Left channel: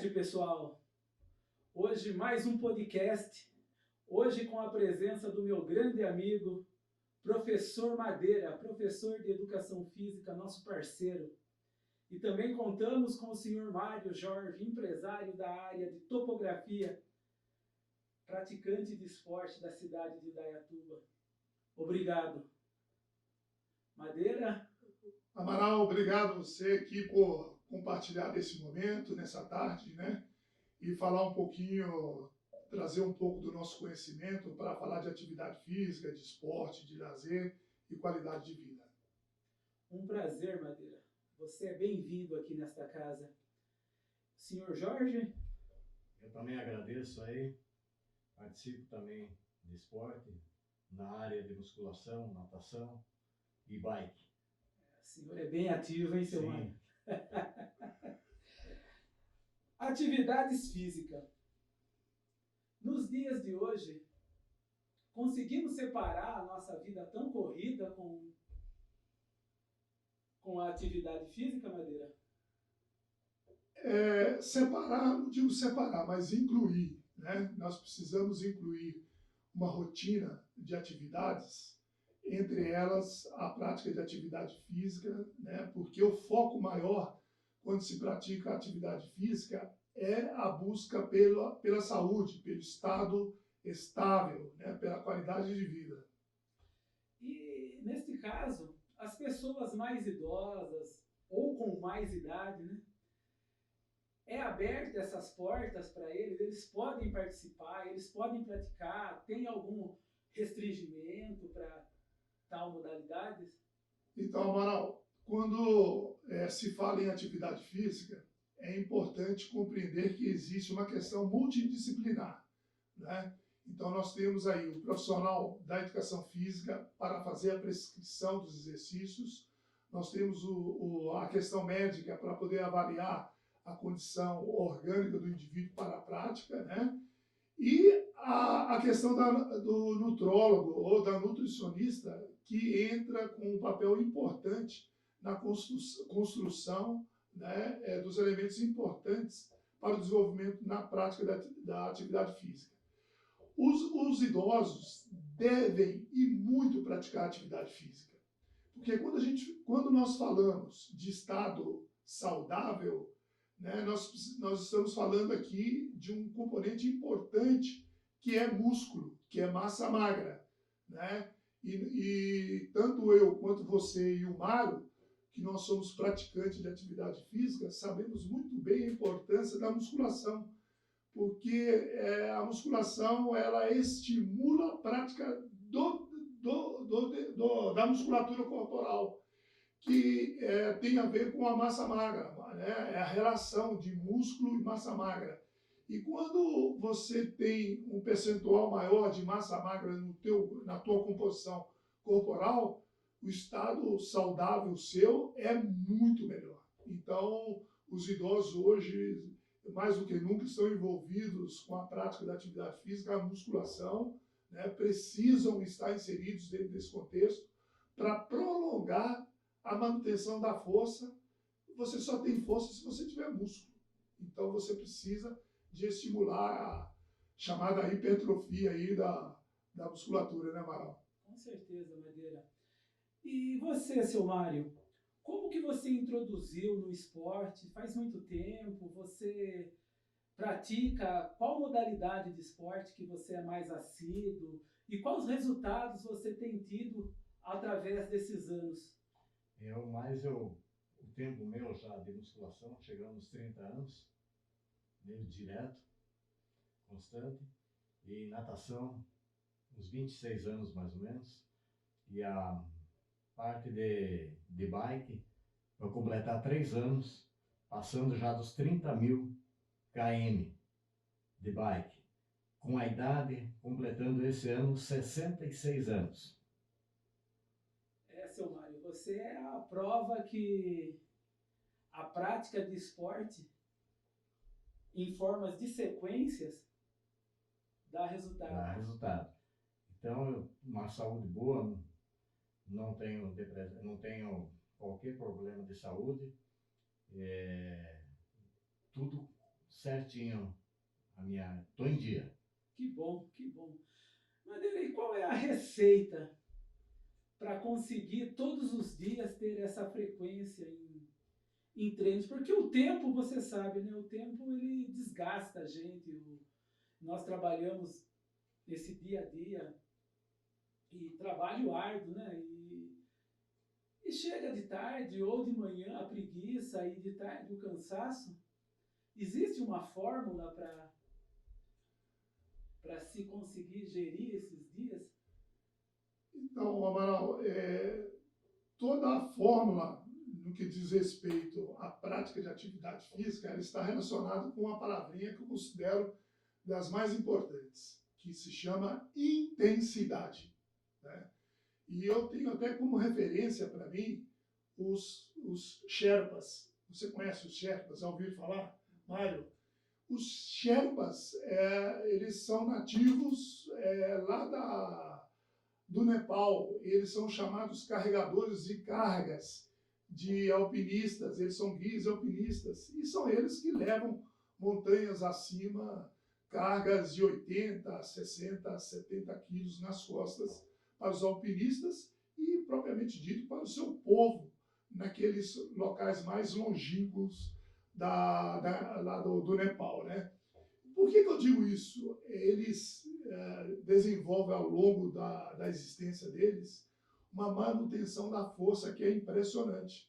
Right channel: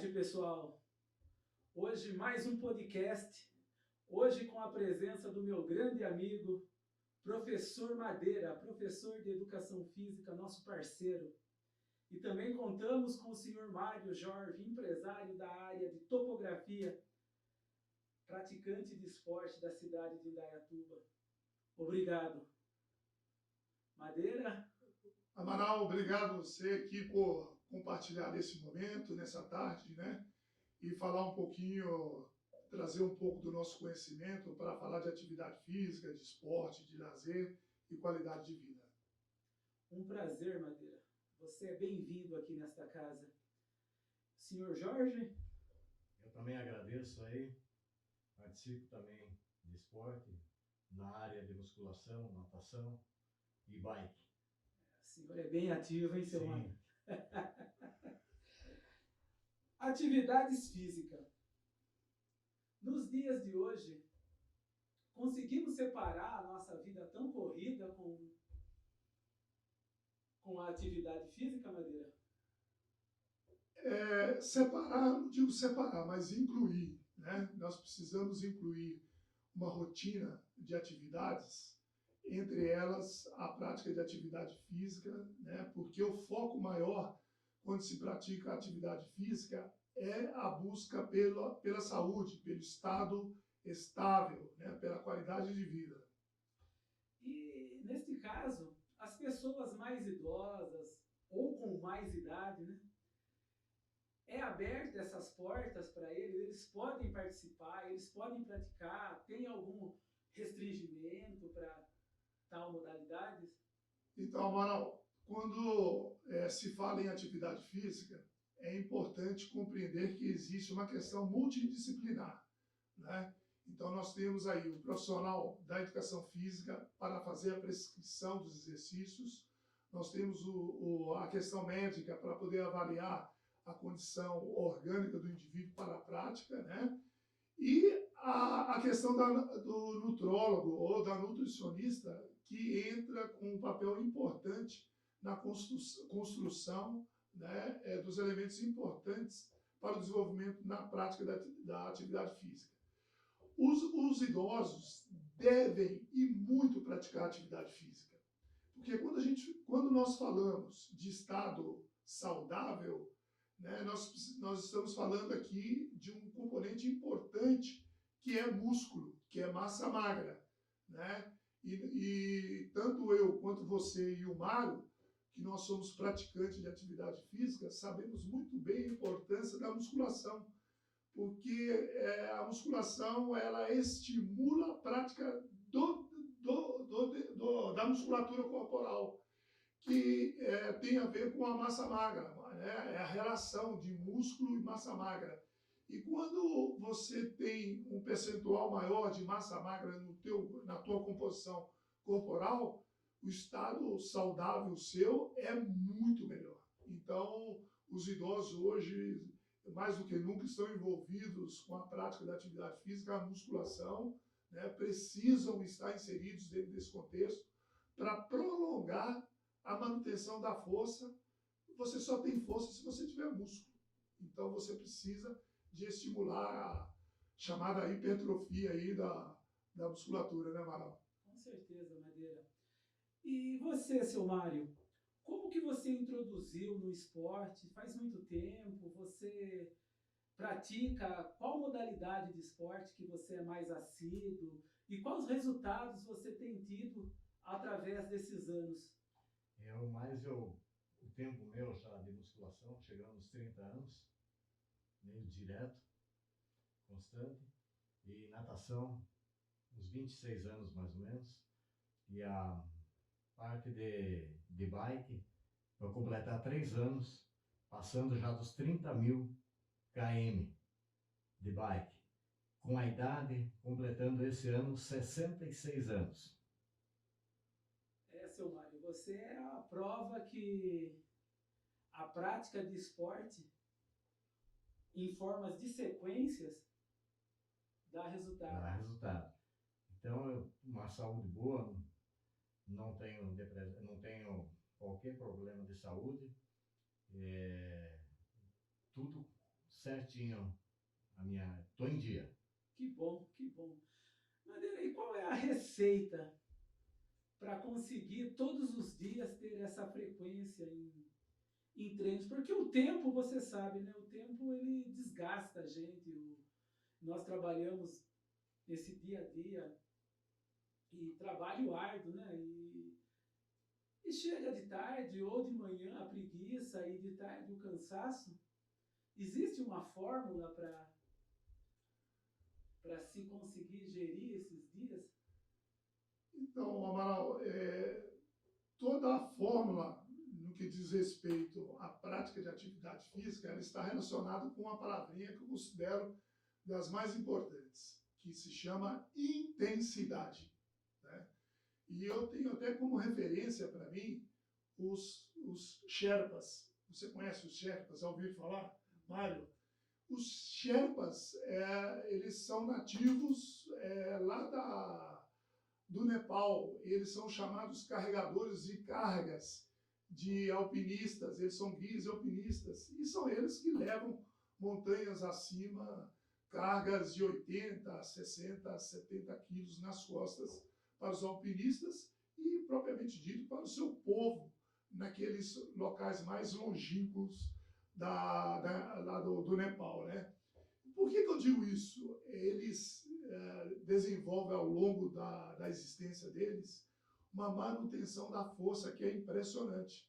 tarde, pessoal. Hoje mais um podcast. Hoje com a presença do meu grande amigo, professor Madeira, professor de Educação Física, nosso parceiro. E também contamos com o senhor Mário Jorge, empresário da área de topografia, praticante de esporte da cidade de Indaiatuba. Obrigado. Madeira? Amaral, obrigado a você aqui por compartilhar desse momento, nessa tarde, né? E falar um pouquinho, trazer um pouco do nosso conhecimento para falar de atividade física, de esporte, de lazer e qualidade de vida. Um prazer, Madeira. Você é bem-vindo aqui nesta casa. Senhor Jorge? Eu também agradeço aí, participo também de esporte, na área de musculação, natação e bike. O senhor é bem ativo, hein, seu Mário? Atividades físicas. Nos dias de hoje, conseguimos separar a nossa vida tão corrida com a atividade física, Madeira? Separar, não digo separar, mas incluir, né? Nós precisamos incluir uma rotina de atividades, entre elas a prática de atividade física, né? Porque o foco maior quando se pratica atividade física é a busca pela saúde, pelo estado estável, né? Pela qualidade de vida. E, neste caso, as pessoas mais idosas ou com mais idade, né? É aberta essas portas para eles podem participar, eles podem praticar, tem algum restringimento para tal modalidades? Então, Amaral, quando se fala em atividade física, é importante compreender que existe uma questão multidisciplinar, né? Então, nós temos aí o profissional da educação física para fazer a prescrição dos exercícios, nós temos a questão médica para poder avaliar a condição orgânica do indivíduo para a prática, né? E a questão do nutrólogo ou da nutricionista, que entra com um papel importante na construção, né, dos elementos importantes para o desenvolvimento na prática da atividade física. Os idosos devem e muito praticar atividade física, porque quando nós falamos de estado saudável, né, nós estamos falando aqui de um componente importante que é músculo, que é massa magra, né? E tanto eu quanto você e o Mário, que nós somos praticantes de atividade física, sabemos muito bem a importância da musculação, porque a musculação ela estimula a prática da musculatura corporal, que tem a ver com a massa magra, né? É a relação de músculo e massa magra. E quando você tem um percentual maior de massa magra na tua composição corporal, o estado saudável seu é muito melhor. Então, os idosos hoje, mais do que nunca, estão envolvidos com a prática da atividade física, a musculação, né? Precisam estar inseridos dentro desse contexto para prolongar a manutenção da força. Você só tem força se você tiver músculo. Então você precisa de estimular a chamada hipertrofia aí da musculatura, né, Amaral? Com certeza, Madeira. E você, seu Mário, como que você introduziu no esporte? Faz muito tempo? Você pratica qual modalidade de esporte que você é mais assíduo? E quais resultados você tem tido através desses anos? O tempo meu já de musculação, chegando aos 30 anos, meio direto, constante, e natação, uns 26 anos mais ou menos, e a parte de bike, vou completar 3 anos, passando já dos 30.000 km de bike, com a idade, completando esse ano, 66 anos. Seu Mário, você é a prova que a prática de esporte em formas de sequências dá resultado. Dá resultado. Então, uma saúde boa, não tenho qualquer problema de saúde, tudo certinho tô em dia. Que bom, que bom. Madeira, e qual é a receita para conseguir todos os dias ter essa frequência em treinos? Porque o tempo, você sabe, né? O tempo ele desgasta a gente. Nós trabalhamos esse dia a dia e trabalho árduo, né? E chega de tarde ou de manhã a preguiça e de tarde o cansaço. Existe uma fórmula para se conseguir gerir esses dias? Então, Amaral, toda a fórmula no que diz respeito à prática de atividade física, ela está relacionada com uma palavrinha que eu considero das mais importantes, que se chama intensidade, né? E eu tenho até como referência para mim os Sherpas. Você conhece os Sherpas? Já ouviu falar, Mário? Os Sherpas, eles são nativos lá do Nepal. Eles são chamados carregadores de cargas de alpinistas. Eles são guias alpinistas. E são eles que levam montanhas acima, cargas de 80, 60, 70 quilos nas costas para os alpinistas e, propriamente dito, para o seu povo, naqueles locais mais longínquos lá do Nepal, né? Por que eu digo isso? Eles desenvolvem ao longo da existência deles uma manutenção da força que é impressionante.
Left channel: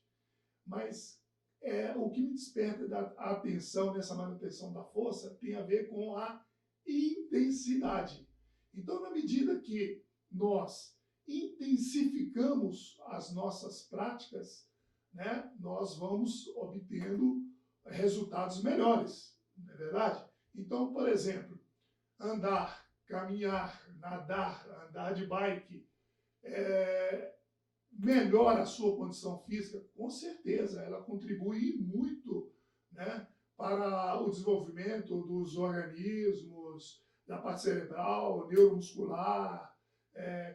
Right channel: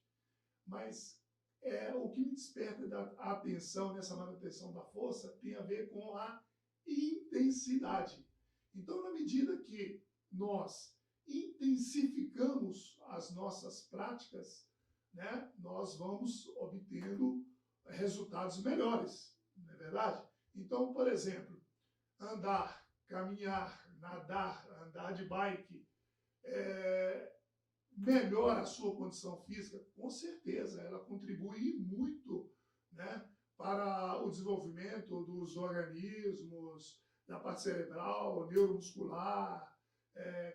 Mas o que me desperta a atenção nessa manutenção da força tem a ver com a intensidade. Então, na medida que nós intensificamos as nossas práticas, né, nós vamos obtendo resultados melhores, não é verdade? Então, por exemplo, andar, caminhar, nadar, andar de bike, melhora a sua condição física? Com certeza, ela contribui muito, né, para o desenvolvimento dos organismos, da parte cerebral, neuromuscular,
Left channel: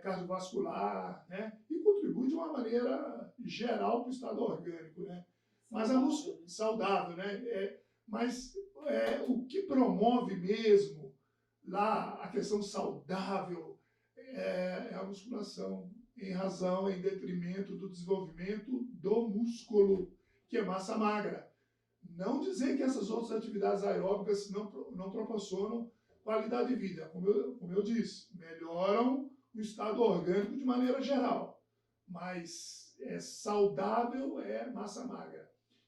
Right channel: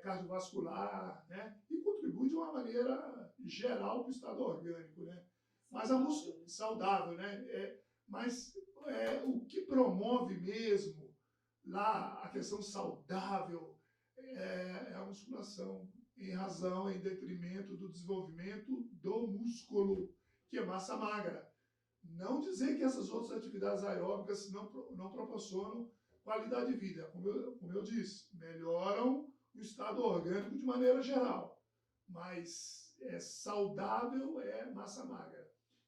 cardiovascular, né, e contribui de uma maneira geral para o estado orgânico, né? Mas a música saudável, né? Mas o que promove mesmo lá a questão saudável é a musculação, em detrimento do desenvolvimento do músculo, que é massa magra. Não dizer que essas outras atividades aeróbicas não proporcionam qualidade de vida, como eu disse, melhoram o estado orgânico de maneira geral, mas saudável é massa magra.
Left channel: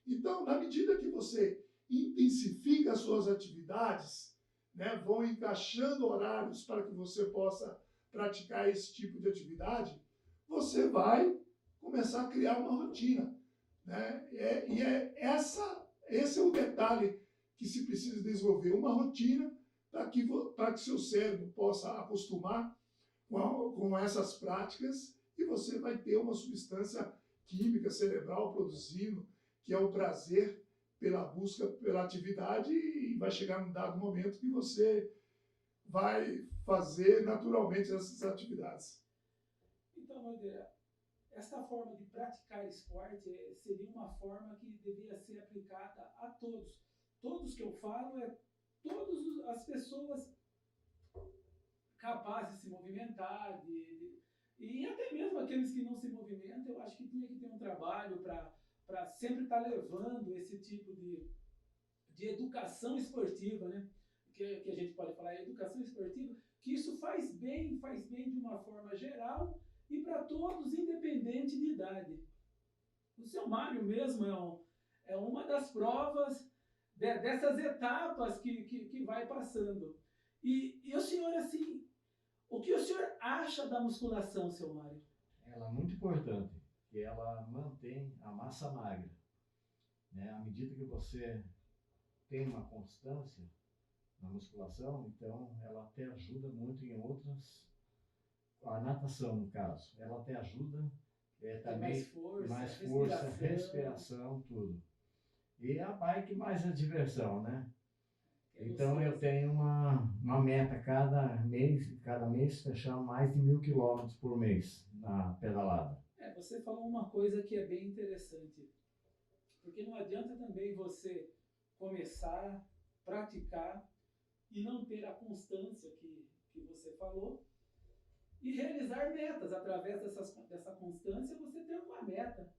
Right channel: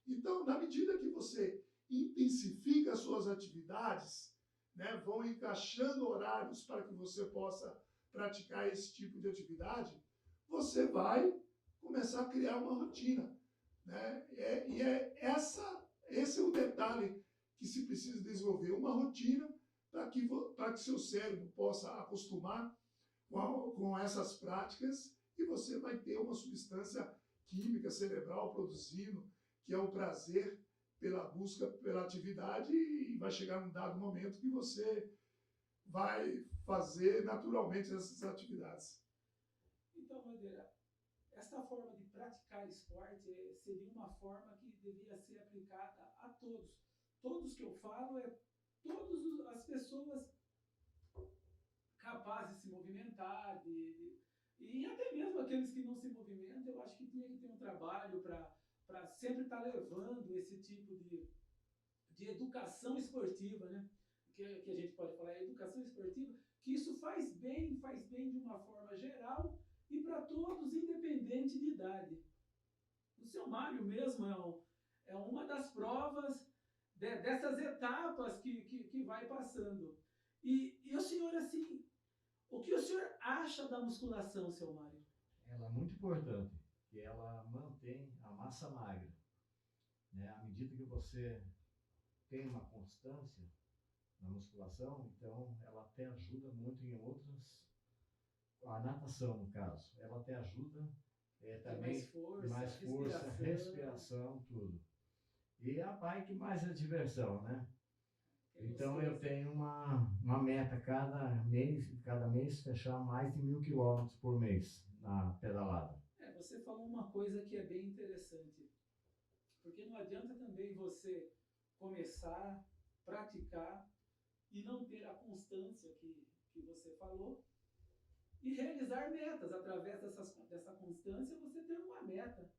Então, na medida que você intensifica as suas atividades, né, vão encaixando horários para que você possa praticar esse tipo de atividade, você vai começar a criar uma rotina, né? Esse é o detalhe que se precisa desenvolver, uma rotina para que seu cérebro possa acostumar com essas práticas e você vai ter uma substância química cerebral produzindo, que é o prazer pela busca, pela atividade, e vai chegar num dado momento que você vai fazer naturalmente essas atividades. Então, Madeira, essa forma de praticar esporte seria uma forma que deveria ser aplicada a todos. Todos que eu falo todas as pessoas capazes de se movimentar, e até mesmo aqueles que não se movimentam, eu acho que tinha que ter um trabalho para sempre estar levando esse tipo de educação esportiva, né? Que a gente pode falar, educação esportiva, que isso faz bem de uma forma geral e para todos, independente de idade. O seu Mário mesmo é uma das provas dessas etapas que vai passando. E o senhor, assim, o que o senhor acha da musculação, seu Mário? Ela é muito importante, que ela mantém a massa magra, né? À medida que você tem uma constância na musculação, então ela até ajuda muito em outras, a natação no caso, ela até ajuda também mais força, respiração, tudo. E a bike mais a diversão, né? Então eu tenho uma meta cada mês fechar mais de 1.000 quilômetros por mês na pedalada. Você falou uma coisa que é bem interessante, porque não adianta também você começar, praticar e não ter a constância que você falou, e realizar metas. Através dessa constância, você tem uma meta.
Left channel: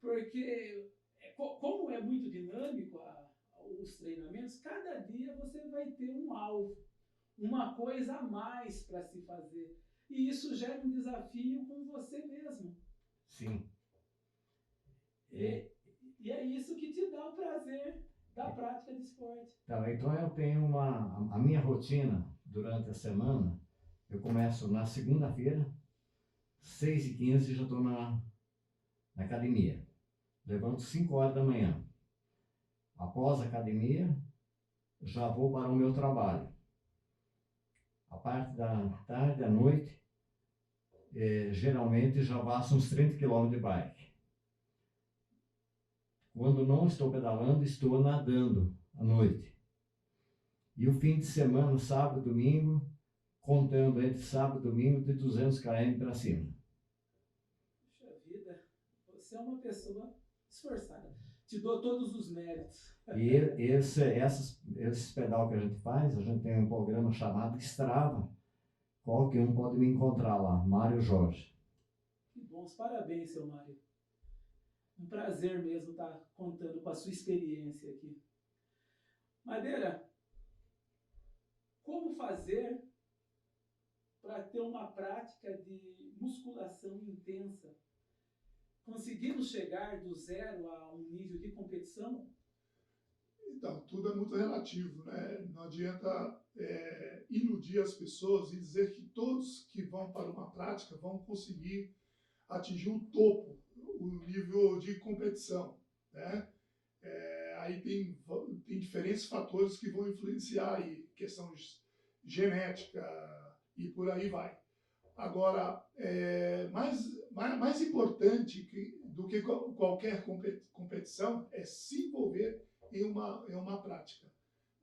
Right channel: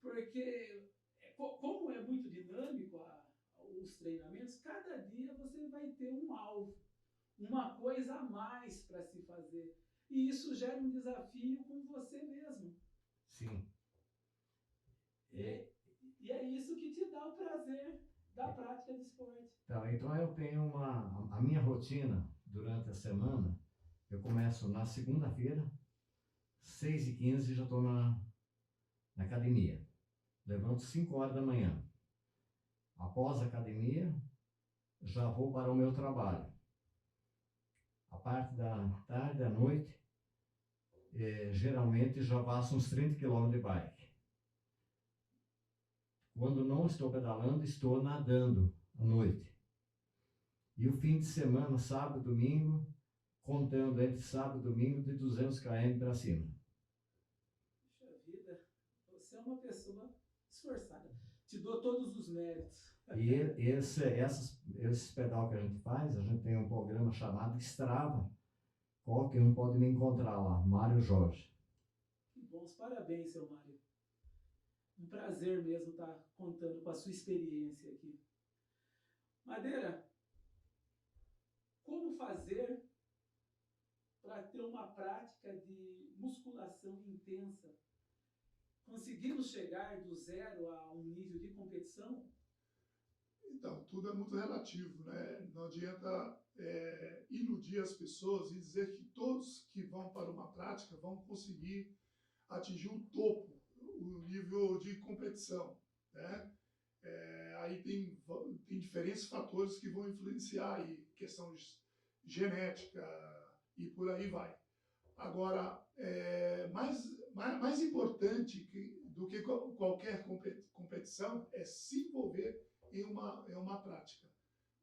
Porque, como é muito dinâmico os treinamentos, cada dia você vai ter um alvo, uma coisa a mais para se fazer. E isso gera um desafio com você mesmo. Sim. E é isso que te dá o prazer da prática de esporte. Tá, então eu tenho a minha rotina durante a semana. Eu começo na segunda-feira, 6h15, já estou na academia. Levanto 5 horas da manhã. Após a academia, já vou para o meu trabalho. A parte da tarde, à noite, geralmente já passo uns 30 km de bike. Quando não estou pedalando, estou nadando à noite. E o fim de semana, sábado e domingo, contando entre sábado e domingo, de 200 km para cima. Puxa vida, você é uma pessoa esforçada. Te dou todos os méritos. E esses pedal que a gente faz, a gente tem um programa chamado Strava. Qualquer um pode me encontrar lá, Mário Jorge. Que bons, parabéns, seu Mário. Um prazer mesmo estar contando com a sua experiência aqui. Madeira, como fazer para ter uma prática de musculação intensa? Conseguimos chegar do zero a um nível de competição? Então, tudo é muito relativo, né? Não adianta iludir as pessoas e dizer que todos que vão para uma prática vão conseguir atingir o topo, o nível de competição, né? Aí tem diferentes fatores que vão influenciar aí, questão genética e por aí vai. Agora, mais importante do que qualquer competição é se envolver em uma prática.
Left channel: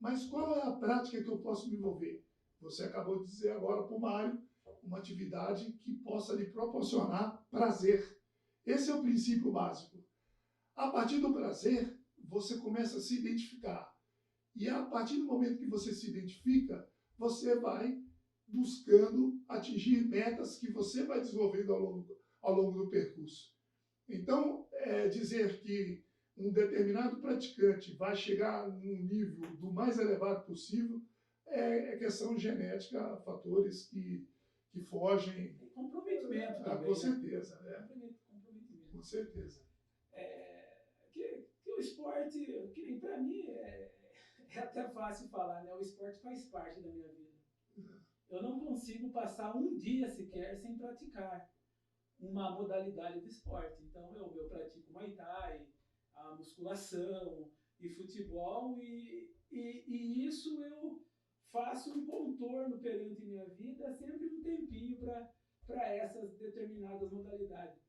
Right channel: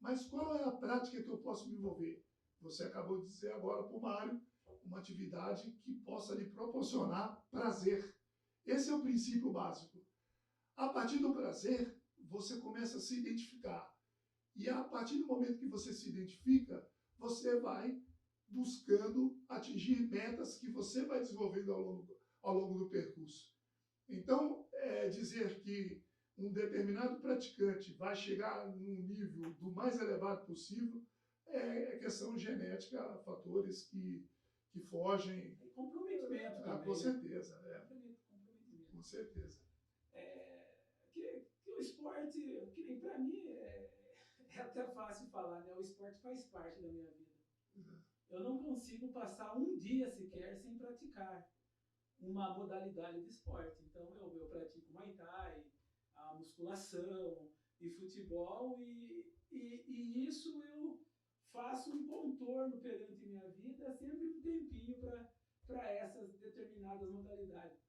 Mas qual é a prática que eu posso me envolver? Você acabou de dizer agora para o Mário, uma atividade que possa lhe proporcionar prazer. Esse é o princípio básico. A partir do prazer, você começa a se identificar. E a partir do momento que você se identifica, você vai buscando atingir metas que você vai desenvolvendo ao longo do percurso. Então, dizer que um determinado praticante vai chegar num nível do mais elevado possível é questão genética, fatores que fogem... Comprometimento também. Com certeza. Comprometimento. Com certeza. Que o esporte, que nem para mim, é até fácil falar, né? O esporte faz parte da minha vida. Eu não consigo passar um dia sequer sem praticar uma modalidade de esporte. Então, eu pratico Muay Thai, a musculação e futebol, e isso eu faço um contorno perante minha vida, sempre um tempinho para essas determinadas modalidades.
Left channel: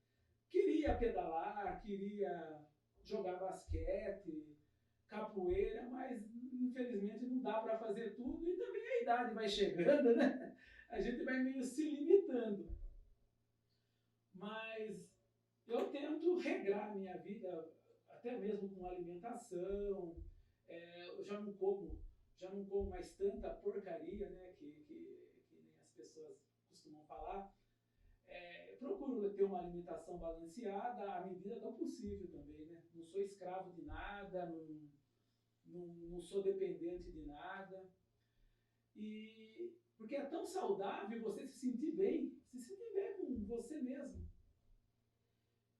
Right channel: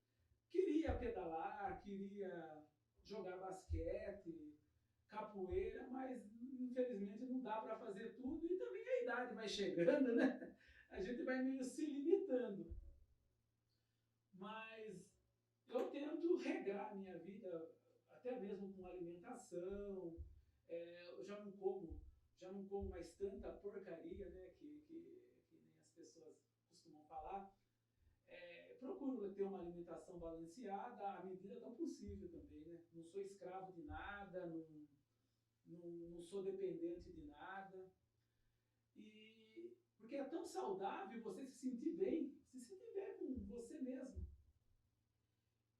Queria pedalar, queria jogar basquete, capoeira, mas infelizmente não dá para fazer tudo, e também a idade vai chegando, né? A gente vai meio se limitando. Mas eu tento regrar a minha vida, até mesmo com alimentação. Eu já não como mais tanta porcaria, né, que nem as pessoas costumam falar. Procuro ter uma alimentação balanceada à medida do possível também, né? Não sou escravo de nada, não sou dependente de nada. Porque é tão saudável você se sentir bem com você mesmo.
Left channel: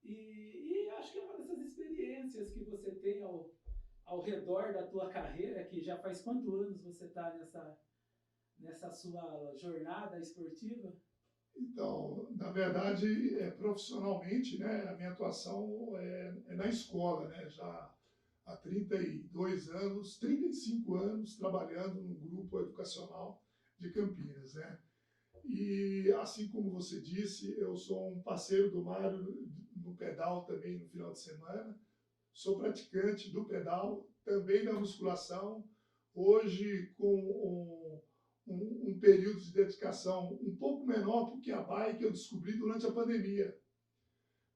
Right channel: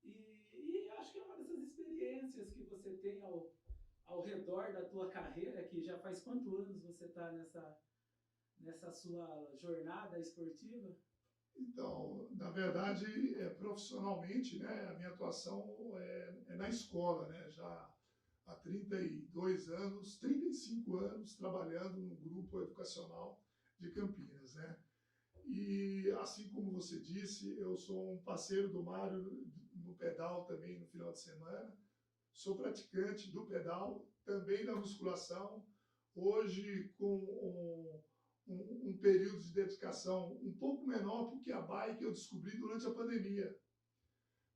E acho que é uma dessas experiências que você tem ao redor da tua carreira, que já faz quantos anos você está nessa sua jornada esportiva? Então, na verdade, profissionalmente, né, a minha atuação é na escola, né, já há 32 anos, 35 anos trabalhando no grupo educacional de Campinas, né? E assim como você disse, eu sou um parceiro do Mário no pedal também no final de semana, sou praticante do pedal, também da musculação, hoje com um período de dedicação um pouco menor, porque a bike eu descobri durante a pandemia.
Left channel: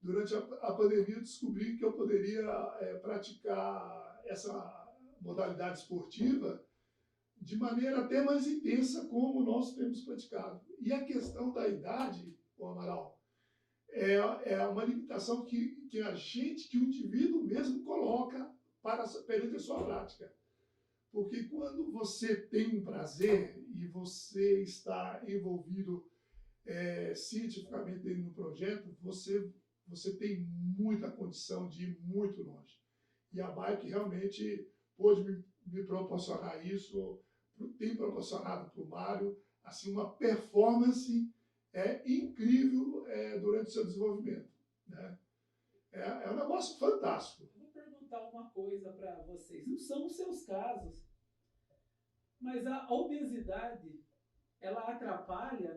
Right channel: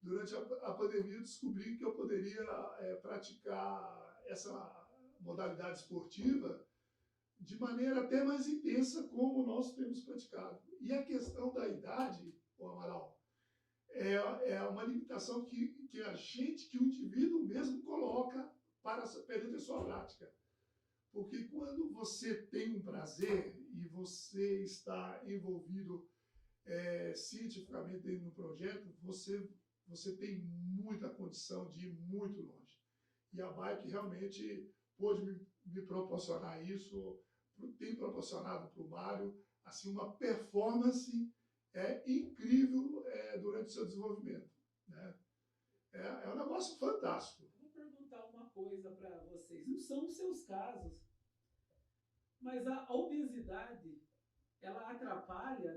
Durante a pandemia eu descobri que eu poderia praticar essa modalidade esportiva de maneira até mais intensa, como nós temos praticado. E a questão da idade, o Amaral, é uma limitação que a gente, que o indivíduo mesmo coloca perante a sua prática. Porque quando você tem um prazer e você está envolvido cientificamente no projeto, você tem muita condição de ir muito longe. E a bike realmente pôde me proporcionar isso, tem proporcionado para o Mário assim, uma performance incrível durante o seu desenvolvimento. Né? É um negócio fantástico. Vou perguntar uma coisa para vocês. Não são os seus casos, mas a obesidade, ela atrapalha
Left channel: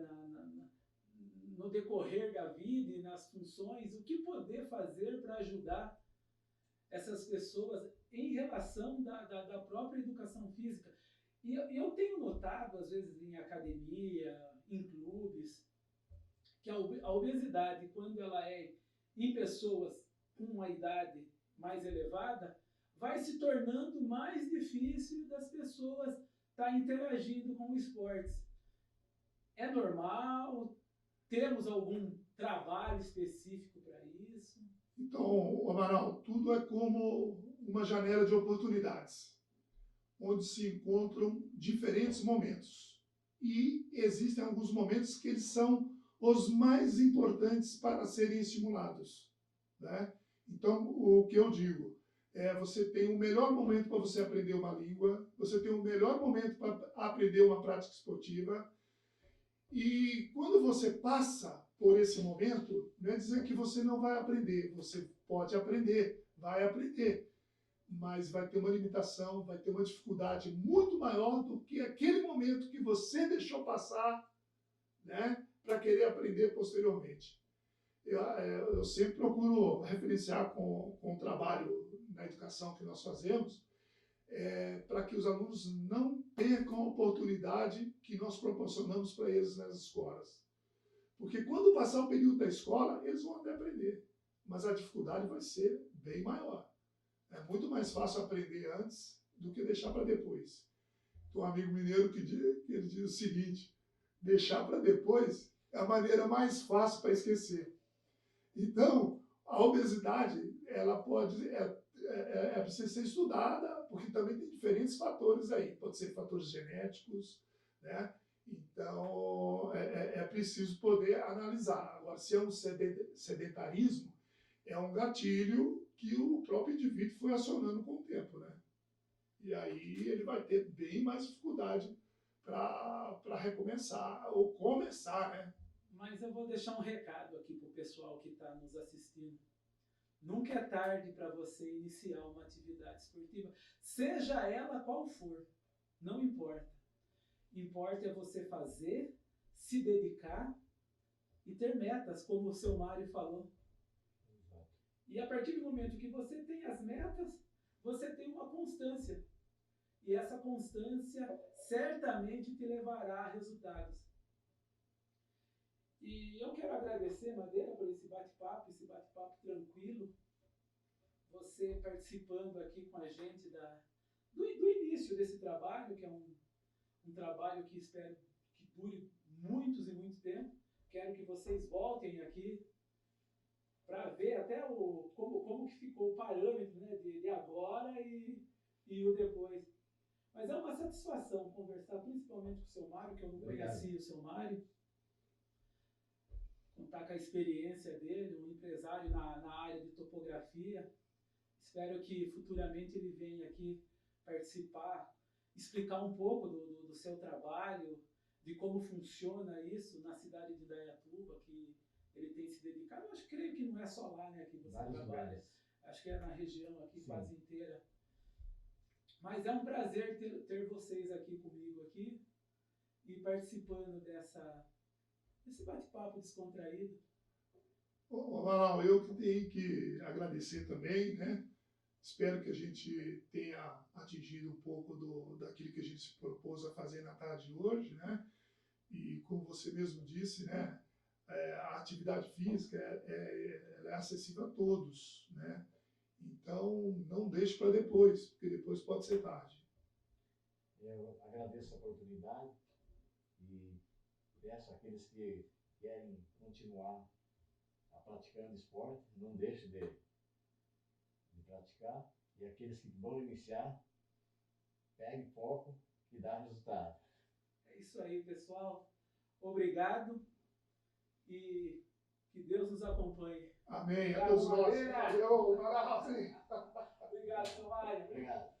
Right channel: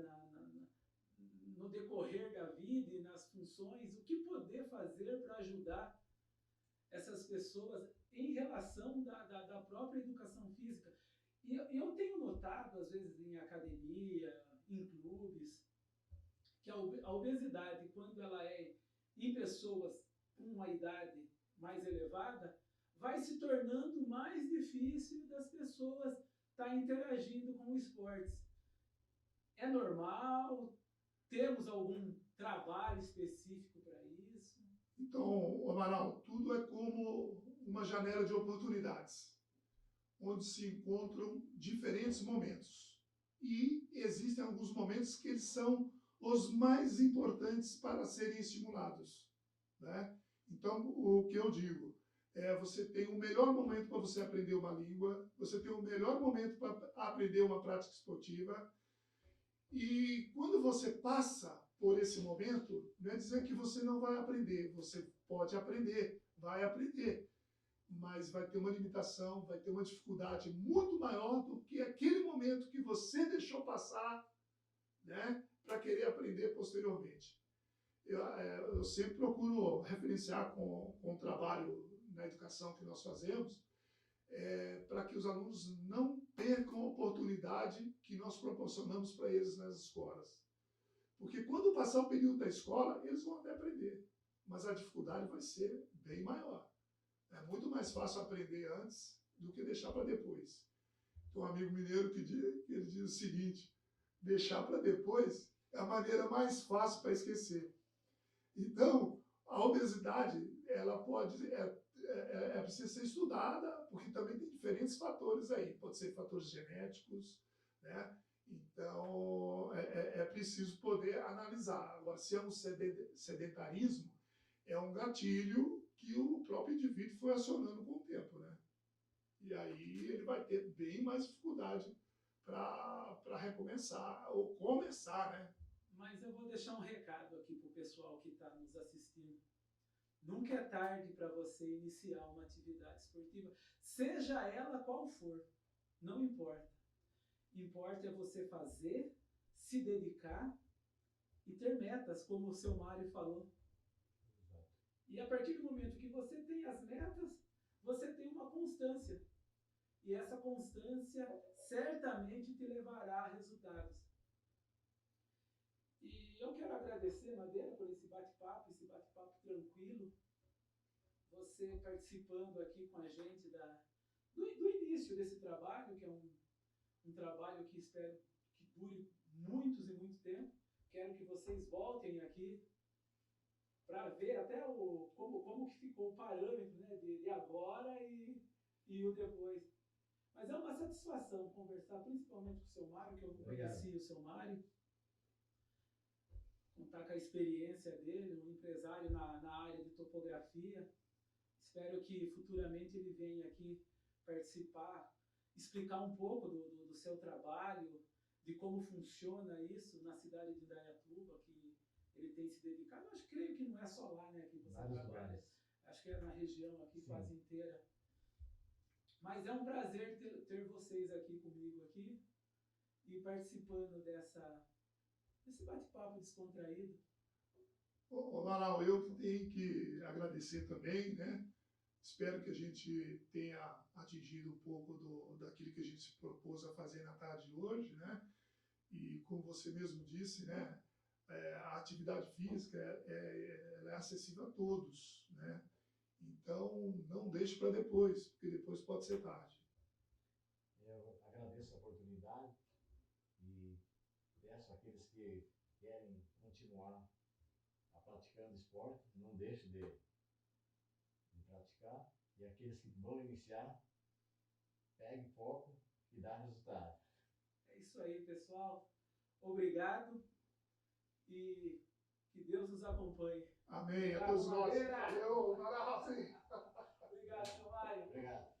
no decorrer da vida e nas funções? O que poder fazer para ajudar essas pessoas em relação da própria educação física? E eu tenho notado, às vezes, em academia, em clubes, que a obesidade, quando ela é em pessoas com uma idade mais elevada, vai se tornando mais difícil das pessoas estar interagindo com os esportes. É normal? Temos algum trabalho específico para isso? Então, Amaral, tudo é como uma janela de oportunidades, onde se encontram diferentes momentos. E existem alguns momentos que eles são os mais importantes para serem estimulados. Né? Então, o que eu digo você tem o melhor momento para você aprender uma língua, você tem o melhor momento para aprender uma prática esportiva, e quando você passa por esse momento, não é dizer que você não vai aprender, você pode aprender, vai aprender, mas vai ter uma limitação, vai ter uma dificuldade muito maior do que aquele momento que você deixou passar, né, para querer aprender posteriormente. Eu sempre procuro referenciar com o trabalho na educação que nós fazemos, para que os alunos não percam a oportunidade que nós proporcionamos para eles nas escolas. Porque quando passar o período da escola, eles vão até aprender, mas a dificuldade vai ser bem maior. É muito mais fácil aprender antes do que deixar para depois. Tem um amigo mineiro que ele diz o seguinte: deixar para depois é a maneira mais fácil para esquecer. Então, a obesidade, ela pode, precisa ser estudada, porque também tem diferentes fatores aí. Pode ser fatores genéticos, né? Então, é preciso poder analisar. Agora, se é um sedentarismo, é um gatilho que o próprio indivíduo foi acionando com o tempo, né? E aí ele vai ter bem mais dificuldade para recomeçar ou começar, né? Mas eu vou deixar um recado aqui para o pessoal que está nos assistindo. Nunca é tarde para você iniciar uma atividade esportiva, seja ela qual for, não importa. Importa é você fazer, se dedicar e ter metas, como o seu Mário falou. E a partir do momento que você tem as metas, você tem uma constância. E essa constância certamente te levará a resultados. E eu quero agradecer, Madeira, por esse bate-papo tranquilo. Você participando aqui com a gente do início desse trabalho, que é um trabalho que espero que dure muitos e muito tempo. Quero que vocês voltem aqui para ver até como que ficou o parâmetro, né, de agora e o depois. Mas é uma satisfação conversar principalmente com o seu Mário, que eu não conhecia o seu Mário. Contar com a experiência dele, um empresário na área de topografia. Espero que futuramente ele venha aqui participar, explicar um pouco do seu trabalho, de como funciona isso na cidade de Indaiatuba, que ele tem se dedicado. Eu creio que não é só lá, né, que você trabalha. Acho que é na região aqui, quase inteira. Mas é um prazer ter vocês aqui comigo aqui e participando desse bate-papo descontraído. Amaral, eu que tenho que agradecer também, né? Espero que a gente tenha atingido um pouco daquilo que a gente se propôs a fazer na tarde de hoje, né? E como você mesmo disse, né? A atividade física ela é acessível a todos, né? Então, não deixe para depois, porque depois pode ser tarde. Eu agradeço a oportunidade e peço àqueles que querem continuar praticando esporte, não deixem de praticar. E aqueles que vão iniciar, pegue foco e dá resultado. É isso aí, pessoal. Obrigado e que Deus nos acompanhe. Amém. A Obrigado, todos nós. Madeira. Valeu, Maravilha. Obrigado, seu Mário. Obrigado.